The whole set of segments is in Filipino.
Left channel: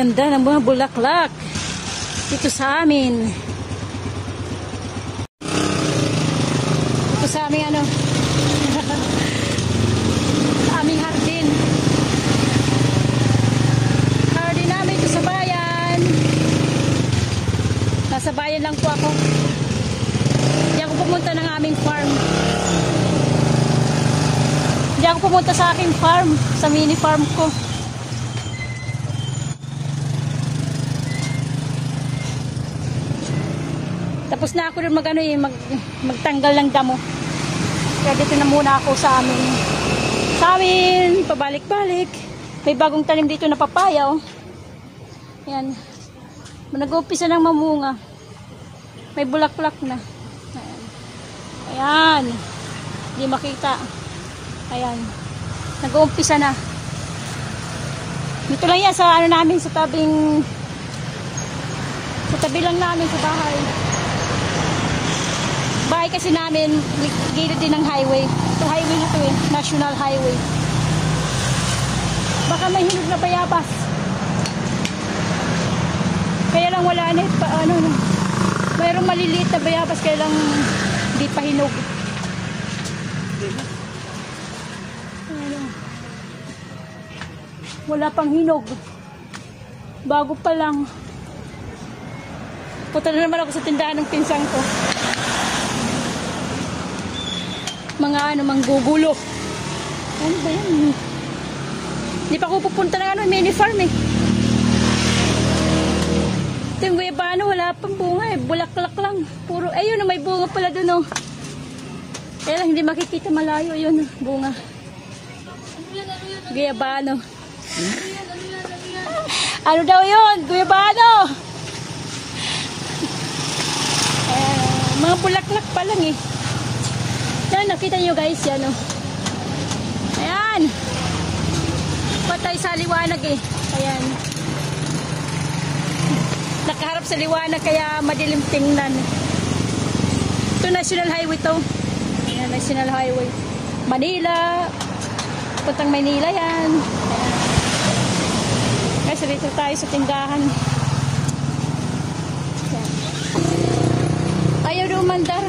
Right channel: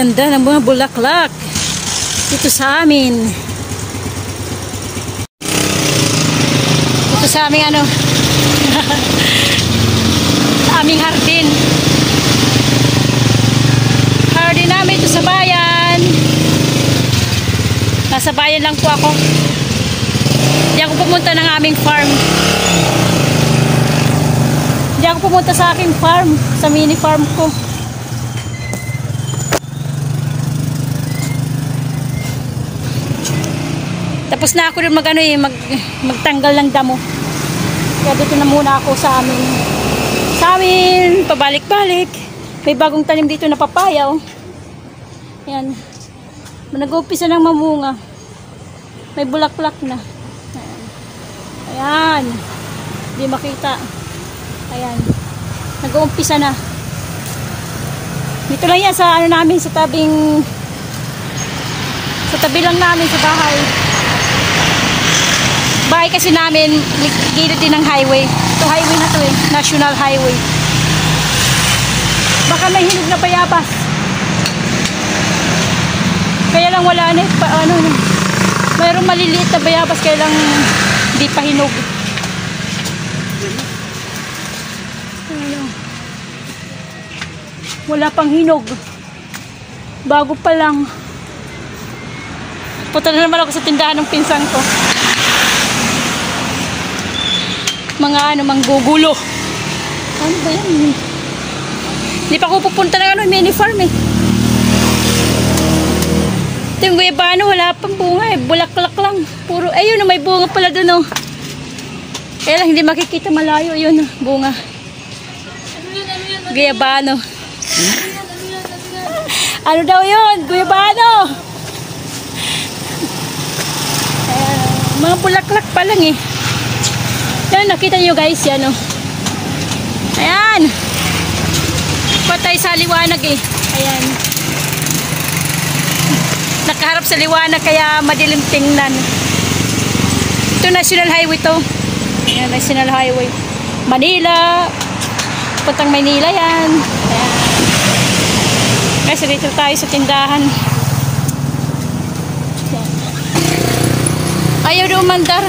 Ganda ng mga bulaklak dito sa amin. Ito sa aming ano sa aming hardin. Hardin namin ito sa bayan. Nasa bayan lang po ako. Hindi ako pumunta ng aming farm. Hindi ako pumunta sa aking farm, sa mini farm ko. Tapos na ako rin magtanggal ng damo. Kaya dito na muna ako sa amin. Pabalik-balik. May bagong tanim dito na papaya. Oh. Ayan. Nag-uumpisa ng mamunga. May bulaklak na. Ayan. Hindi makita. Ayan. Nag-uumpisa na. Dito lang yan sa ano namin, sa tabi lang namin sa bahay. Bahay kasi namin, gilid din ng highway. Ito highway na to eh. National highway. Baka may hinog na bayabas. Kaya lang wala na mayroong maliliit na bayabas kaya lang hindi pa hinog. Wala pang hinog. Bago pa lang. Punta na naman ako sa tindahan ng pinsan ko. Mga manggugulo. Ano ba yan? Hindi pa ako pupunta ng mini farm eh. Ito yung guyabano, wala pang bunga eh. Bulaklak lang. Puro, ayun, may bunga pala dun oh. Kaya lang hindi makikita malayo yun, bunga. Guyabano. Ano daw yun? Guyabano! Mga bulaklak pa lang eh. Yan, nakita nyo guys, yan o. Ayan. Patay sa liwanag eh. Ayan. Nakaharap sa liwanag kaya madilim tingnan. Ito National Highway to. Ayan, National Highway. Manila. Puntang Manila yan. Ayan. Kasi dito tayo sa tindahan. Ayaw na umandar.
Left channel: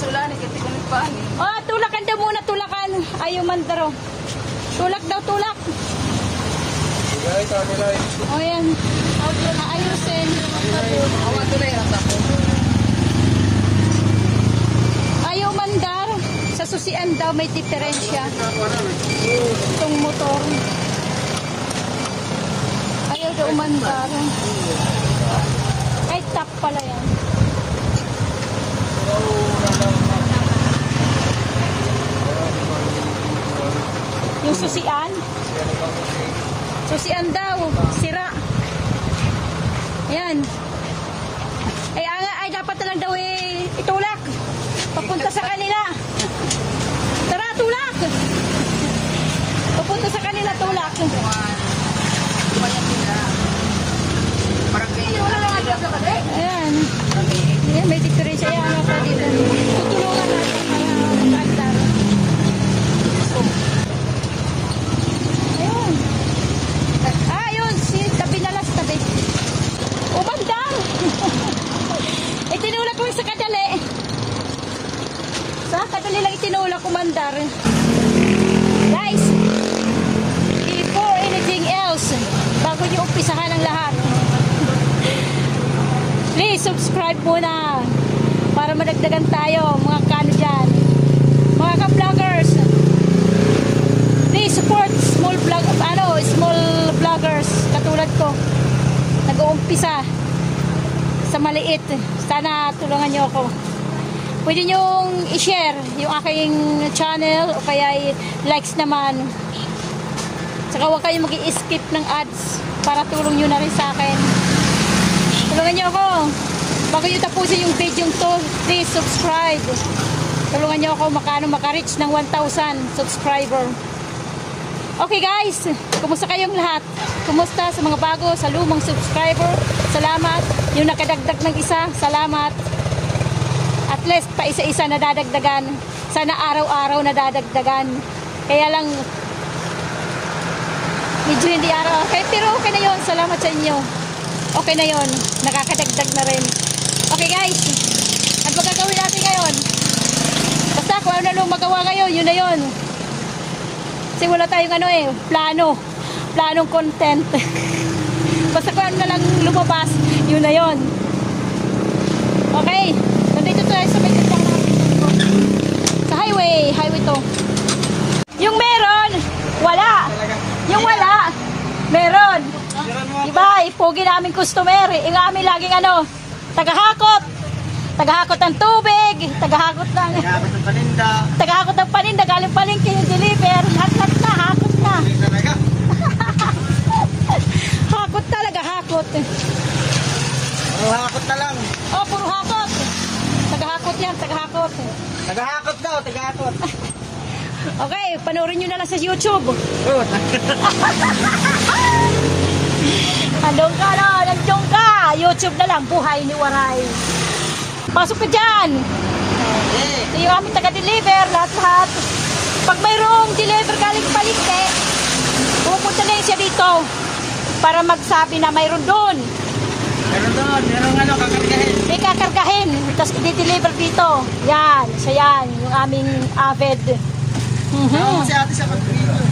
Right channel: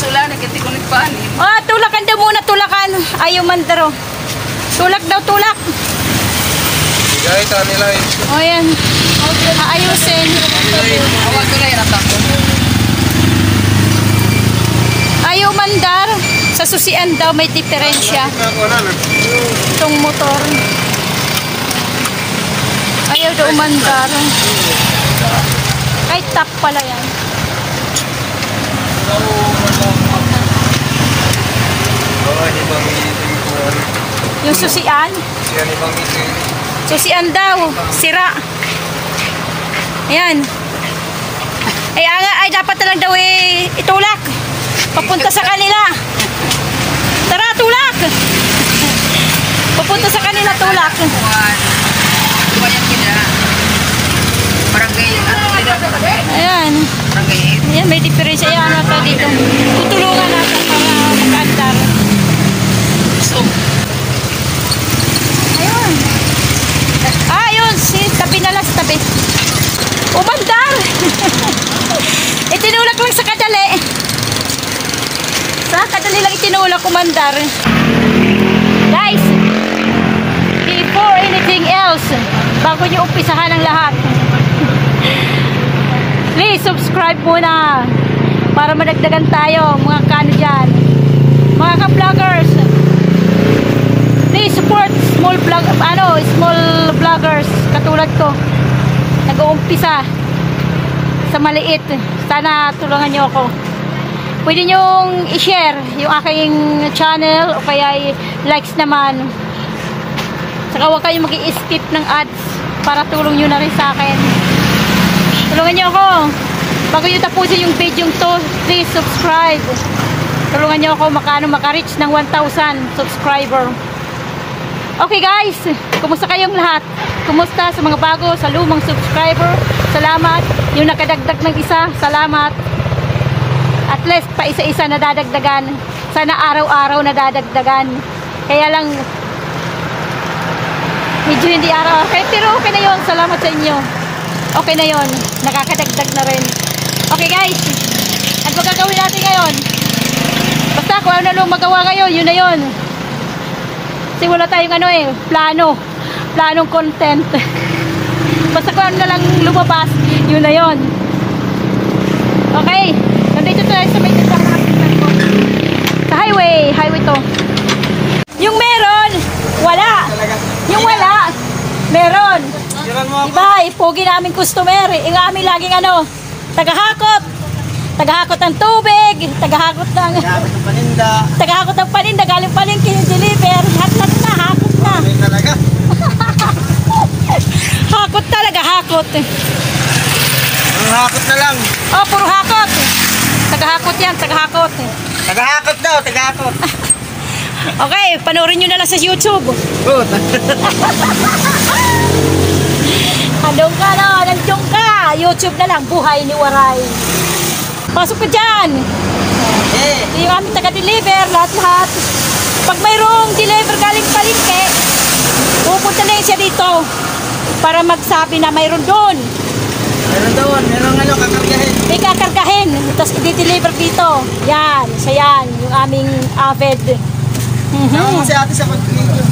Sula, nagkiti ko nagpaan. Tulakan daw muna, tulakan. Ayaw mandaro. Tulak daw, tulak. Ay, kanila eh. O yan. Aayusin. Ayaw mandar. Sa susian daw may diferensya. Itong motor. Ayaw daw umandar. Kahit tak pala yan. Yung susian? Susian daw. Sira. Ayan. Ay dapat na lang daw itulak. Papunta sa kanila. Tara, tulak. Papunta sa kanila, tulak. Ayan. Ayan, may diferensya yan ata dito. Tutulungan natin para magandar. Ayun. Ayun, tabi na lang sa tabi. Umandar! Itinulak lang sa kadali. Sa kadali lang itinulak, umandar. Guys, before anything else, bago nyo umpisahan ang lahat, please subscribe muna para madagdagan tayo mga kano dyan, mga ka-vloggers. Please support small vloggers katulad ko, nag-uumpisa sa maliit. Sana tulungan nyo ako. Pwede nyong i-share yung aking channel o kaya likes naman. Saka huwag kayong mag-i-skip ng ads para tulong nyo na rin sa akin. Tulungan nyo ako. Bago nyo tapusin yung video to, please subscribe. Tulungan nyo ako maka-reach ng 1,000 subscriber. Okay guys, kumusta kayong lahat? Kumusta sa mga bago, sa lumang subscriber? Salamat. Yung nakadagdag ng isa, salamat. At least pa isa-isa na dadagdagan. Sana araw-araw na dadagdagan. Kaya lang Medyo hindi araw. Okay, pero okay na yon. Salamat sa inyo. Okay na yon. Nakakadagdag na rin. Okay guys. Ano ba gagawin natin ngayon? Basta kung ano lang magawa ngayon, yun na yun. Kasi wala tayong ano eh, planong content. Basta kung ano na lang lumabas, yun na yun. Okay, nandito tayo sa may titang sa highway to. Yung meron, wala. Yung wala, meron. Diba, ipugi namin customer. Yung amin laging ano, tagahakot ng tubig, tagahakot ng paninda, galing palengke, deliver, hakot na. Hakot talaga, hakot. Puro hakot na lang. Oh, puro hakot. Tagahakot yan, tagahakot. Tagahakot daw, tagahakot. Okay, panoorin nyo na lang sa YouTube. Good. Andong ka na, nandong ka. YouTube na lang, Buhay ni Waray. Pasok ka dyan. Hindi yung aming taga-deliver, lahat-lahat. Pag mayroong deliver galing palengke, pupunta na siya dito para magsabi na mayroon doon. Merong ano, kakargahin. May kakargahin, tapos i-deliver dito. Yan, isa yan, yung aming avid. Sama mo si ate sa pag-video.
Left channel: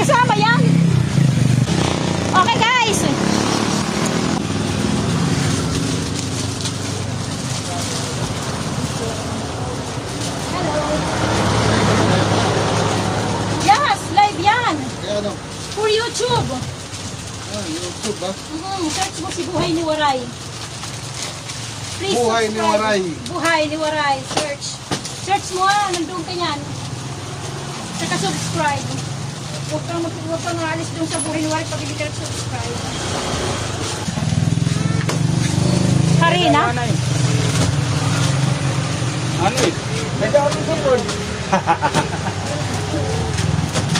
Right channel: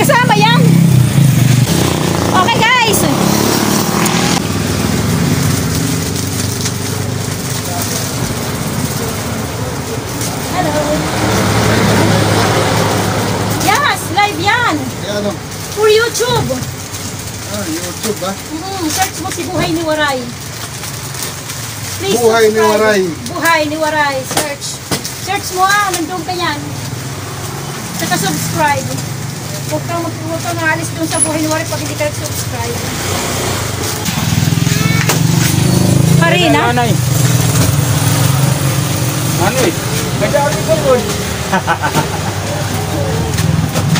Kasama yan. Okay guys. Hello. Yes, live yan. Ano? For YouTube. YouTube ba? Search mo si Buhay ni Waray. Please Buhay ni subscribe. Waray. Buhay ni Waray. Search mo nandun ka yan. Saka subscribe. Huwag kang alis dun sa Buhay ni Waray pag hindi ka subscribe. Karina? Ano eh?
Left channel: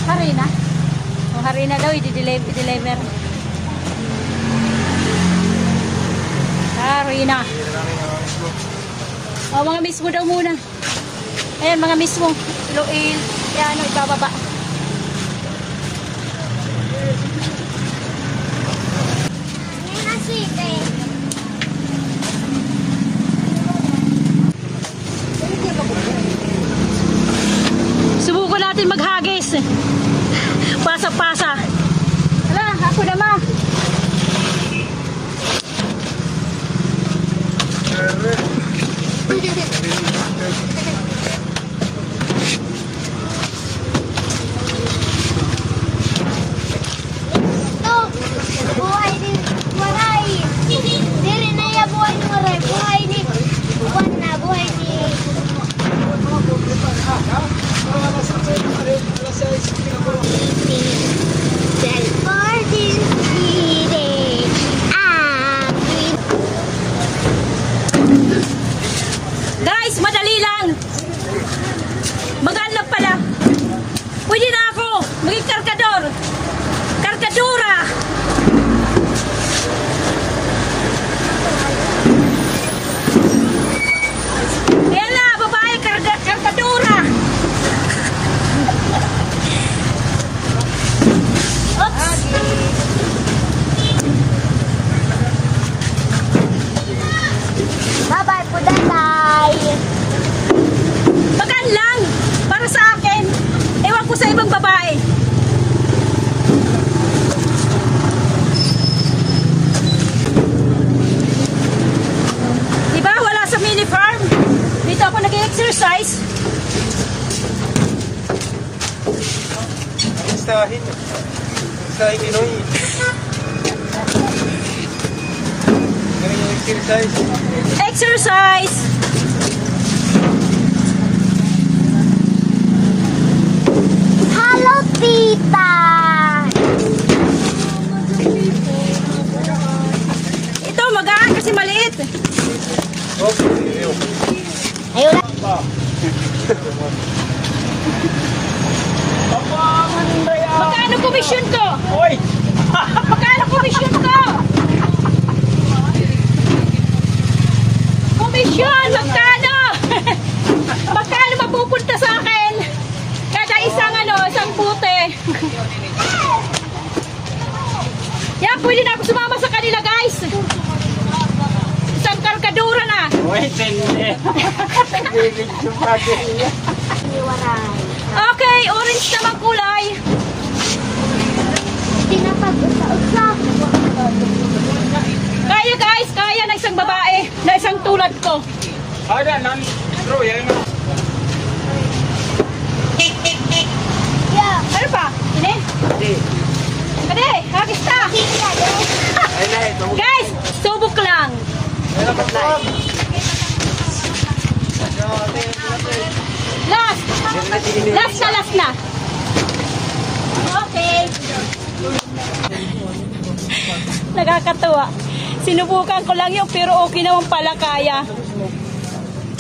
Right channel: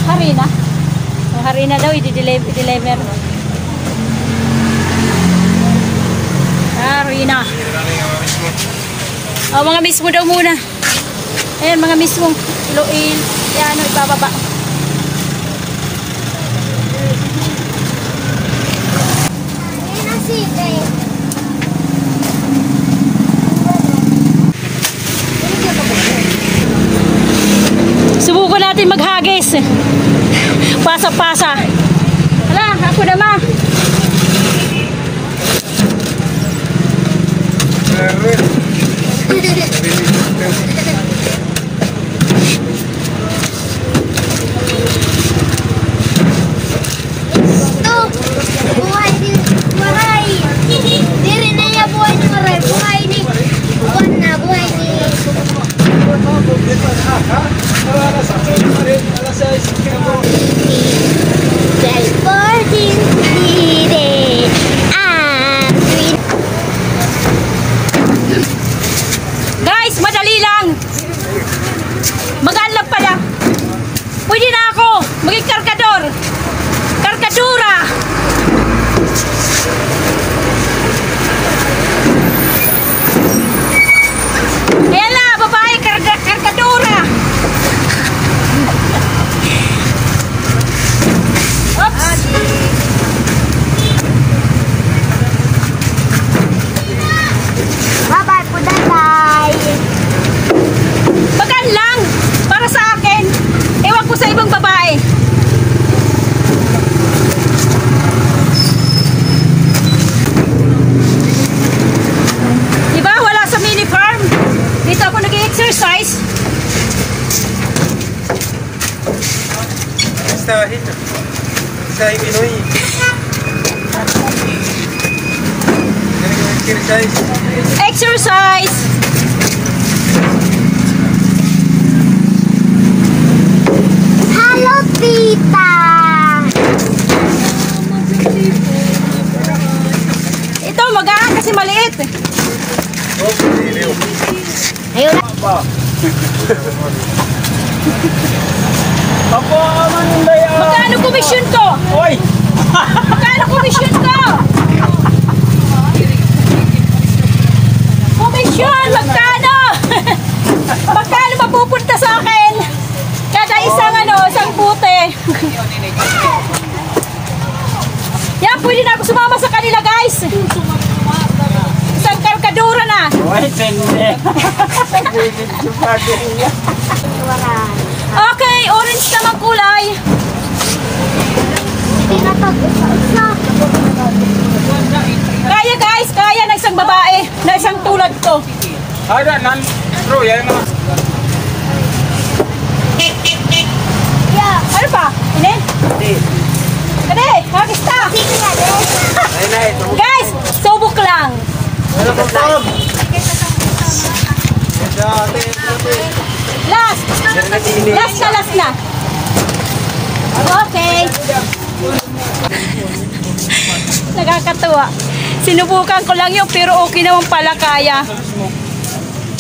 Harina. Harina daw, i-deliver. Harina. Mga mismo daw muna. Ayan, mga mismo. Loil. Yan, nagbababa. Subukan natin maghagis. Pasa-pasa. Hala, ako naman. pwede na ako sumama sa kanila, guys. Isang karkadura na. Wait, hindi. Okay, orange naman kulay. Kaya guys, kaya na isang babae, na isang tulad ko. Ada, true, yan o. Ano pa? Ini? Kade, hagis ka. Guys, subok lang. Last. Last na. Okay. Nakakatuwa. Sinubukan ko lang yun, pero okay naman pala kaya.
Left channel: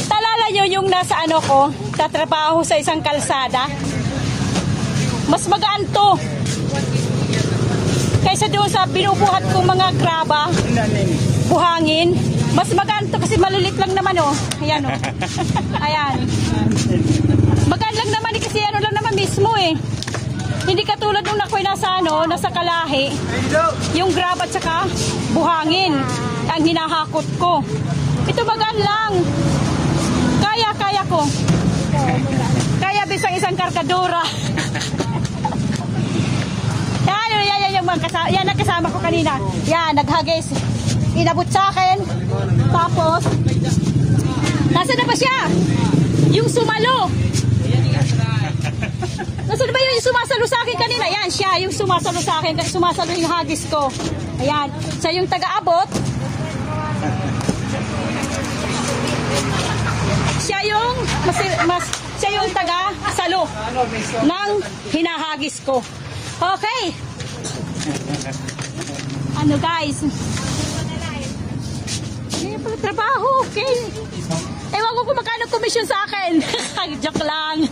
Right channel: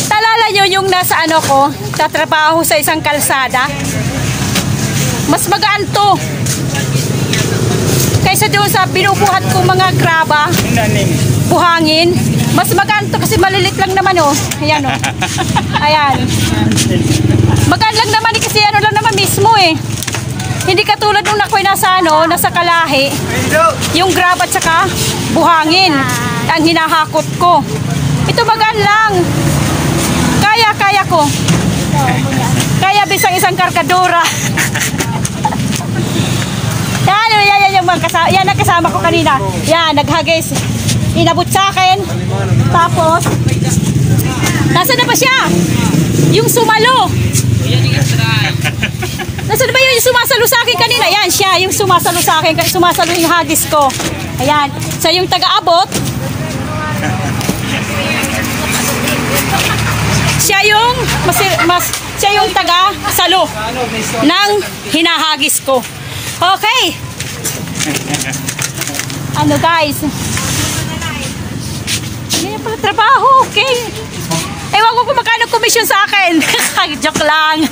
Talala nyo yung nasa ano ko, tatrabaho sa isang kalsada. Mas magaan to. Kaysa doon sa binubuhat kong mga graba, buhangin. Mas magaan to kasi malilit lang naman oh. Ayan oh. Ayan. Magaan lang naman kasi ano lang naman mismo eh. Hindi katulad nung ako'y nasa ano, nasa Kalahi. Yung grab at saka buhangin ang hinahakot ko. Ito magaan lang. Kaya ko. Kaya bisang isang karkadora. Yan yung mga kasama. Yan ang kasama ko kanina. Yan, naghagis. Inabot sa akin. Tapos, nasaan na ba siya? Yung sumalo. Nasaan ba yung sumasalo sa akin kanina? Yan siya, yung sumasalo sa akin. Sumasalo yung hagis ko. Ayan. So, yung taga-abot. Siya yung taga-salo ng hinahagis ko. Okay. Ano guys? Yan pala trabaho. Okay. Ewan ko kung magkano commission sa akin. Joke lang.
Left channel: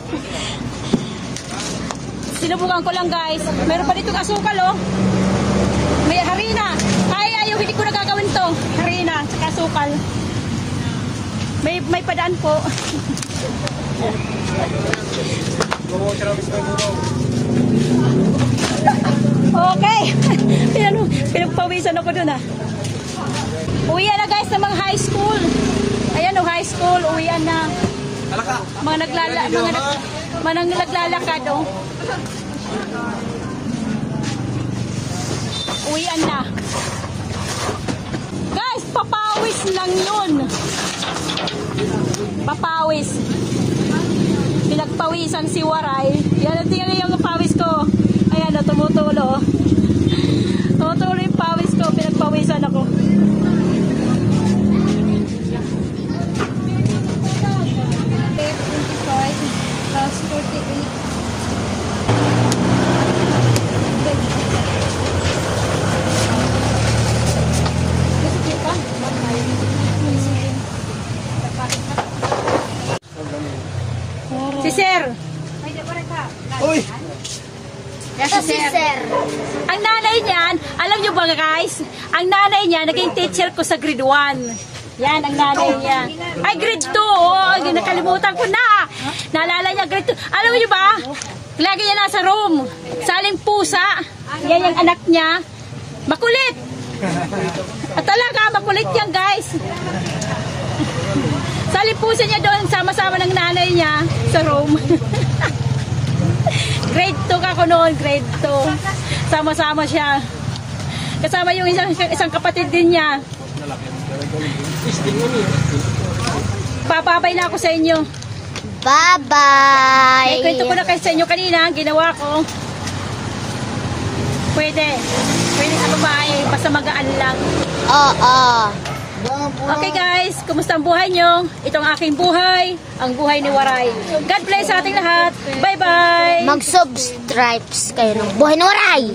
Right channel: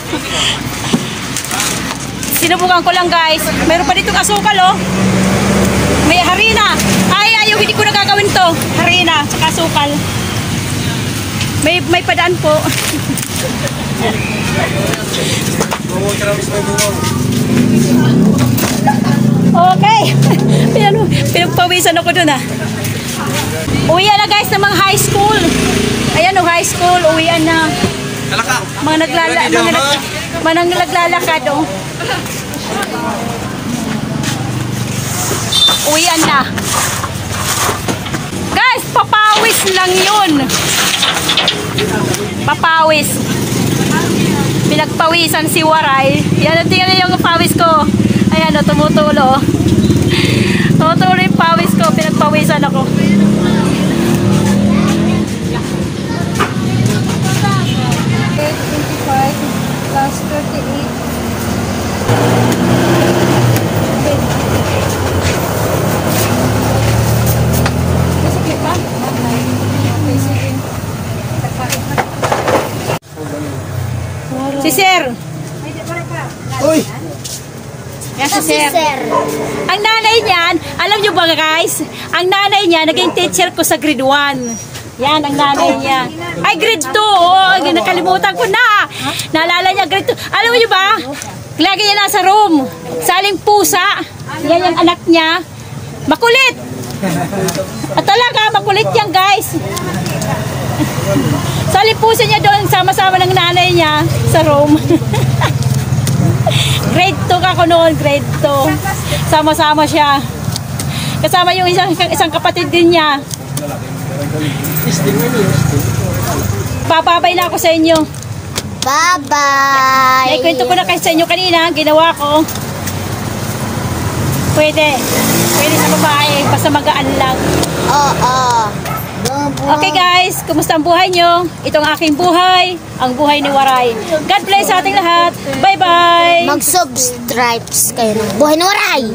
Sinubukan ko lang guys. Meron pa ditong asukal oh. May harina. Ayaw, hindi ko nagagawin to. Harina, tsaka asukal. May padaan po. Okay. Pinagpawisan ako dun ah. Uwian na guys ng mga high school. Ayan o, high school. Uwian na. Mga naglalakad o. Uwian na. Guys, papawis lang yun. Papawis. Pinagpawisan si Waray. Yan, tingnan yung pawis ko. Ayan o, tumutulo. Tumutulo yung pawis ko. Pinagpawisan ako. Si Sir. Uy! Yan si Sir. Ang nanay niyan, alam nyo ba guys? Ang nanay niya, naging teacher ko sa grade 1. Yan, ang nanay niya. Ay, grade 2. Oh, nakalimutan ko na. Naalala niya, grade 2. Alam nyo ba? Lagi niya nasa room. Saling pusa. Yan yung anak niya. Makulit. At talaga, makulit yan guys. Saling pusa niya doon, sama-sama ng nanay niya sa room. Grade 2 ako noon, grade 2. Sama-sama siya. Kasama yung isang kapatid din niya. Bababay na ako sa inyo. Bye-bye! May kwento ko na kayo sa inyo kanina, ginawa ko. Pwede sa babae, basta magaan lang. Oo. Okay guys, kumusta ang buhay nyo? Itong aking buhay, ang buhay ni Waray. God bless sa ating lahat. Bye-bye! Mag-subscribe kayo ng Buhay ni Waray!